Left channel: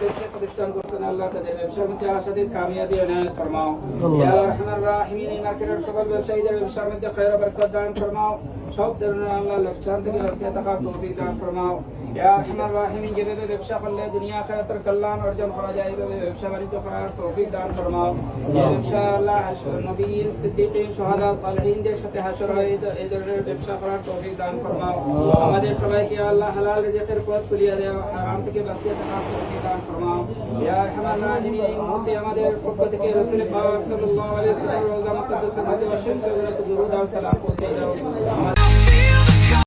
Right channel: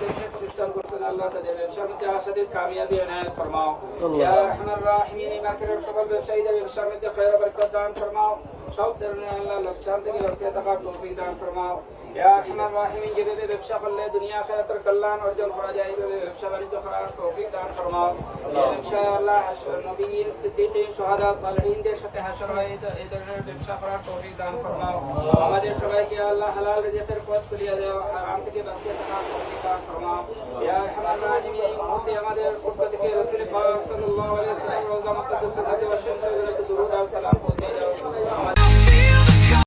ব্যবসা প্রতিষ্ঠান করছেন আল্লাহ তাদের ব্যবসার মধ্যে আশাদের কামিয়াবি এনায়েত ফরমাও। ইয়া আরহামার রাহিমিন মার্কেটের সকল ব্যবসায়ীদের ব্যবসার মধ্যে খায়র বরকত দান ফরমাও। সব ধরনের আল্লাহ লোকসান থেকে বাঁচিয়ে থাকার তৌফিক দান ফরমাও। ইয়া আরহামার রাহিমিন যেভাবে ব্যবসা করলে দুনিয়া আখিরাতের কল্যাণ অর্জন করা যায় এইভাবে ব্যবসা বাণিজ্য করার তৌফিক দান ফরমাও। যে ব্যবসা আল্লাহ নবী সিদ্দিকীন শুহাদা সালেহিনদের সাথে হাসর হয় এই ধরনের ব্যবসা করার তৌফিক দান ফরমাও। আমাদের সবাইকে আল্লাহ হালাল রিজিকের পথ খুলিয়ে দাও, হারাম থেকে বাঁচিয়ে থাকার তৌফিক দান ফরমাও। ইয়া আরহামার রাহিমিন এই মুহূর্তে আমাদের পক্ষ থেকে রাসূল পাক সাল্লাল্লাহু আলাইহি ওয়াসাল্লাম রোজা মুকদ্দাসের মধ্যে অসংখ্য দরুদ আর সালাম পৌঁছে দাও।